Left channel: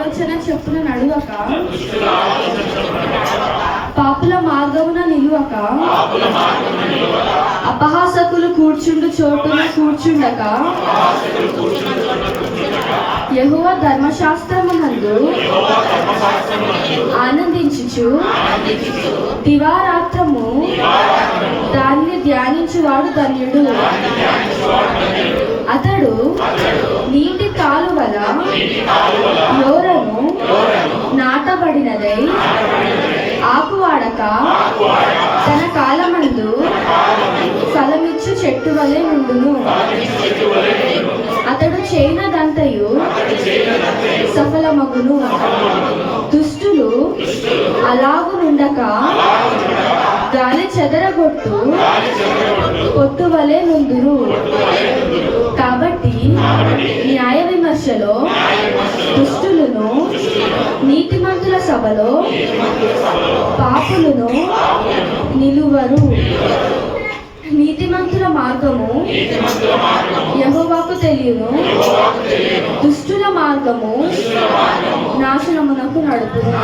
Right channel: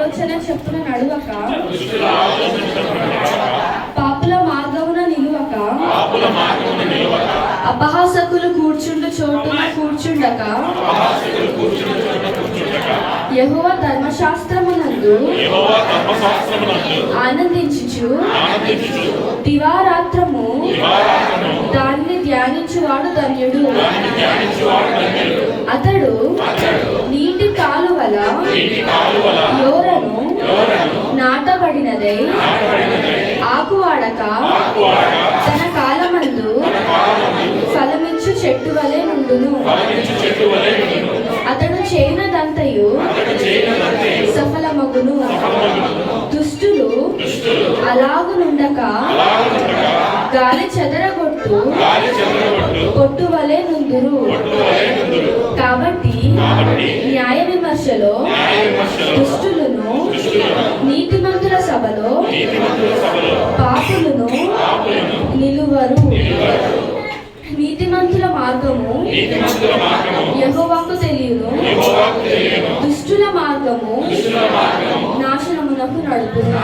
ఆలోచన చెప్పున నడువక, పాపుల మార్గమున నిలువక, అపహాసకులు కూర్చుండు చోటున కూర్చుండక, యెహోవా ధర్మశాస్త్రమునందు ఆనందించుచు దివారాత్రము దానిని ధ్యానించువాడు ధన్యుడు. అతడు నీటి కాలువల యోరను నాటబడినదై ఆకువాడక తన కాలమందు ఫలమిచ్చు చెట్టు వలె నుండును. అతడు చేయనదంతయు సఫలమగును. దుష్టులు అలాగునుండక గాలి చెదరగొట్టు కొట్టు వలె నుందురు. కాబట్టి న్యాయ విమర్శలో దుష్టులను, నీతిమంతుల సభలో పాపులను నిలువరు. నీతిమంతుల మార్గము యెహోవాకు తెలియను, దుష్టుల మార్గము నాశనమునకు నడుపును.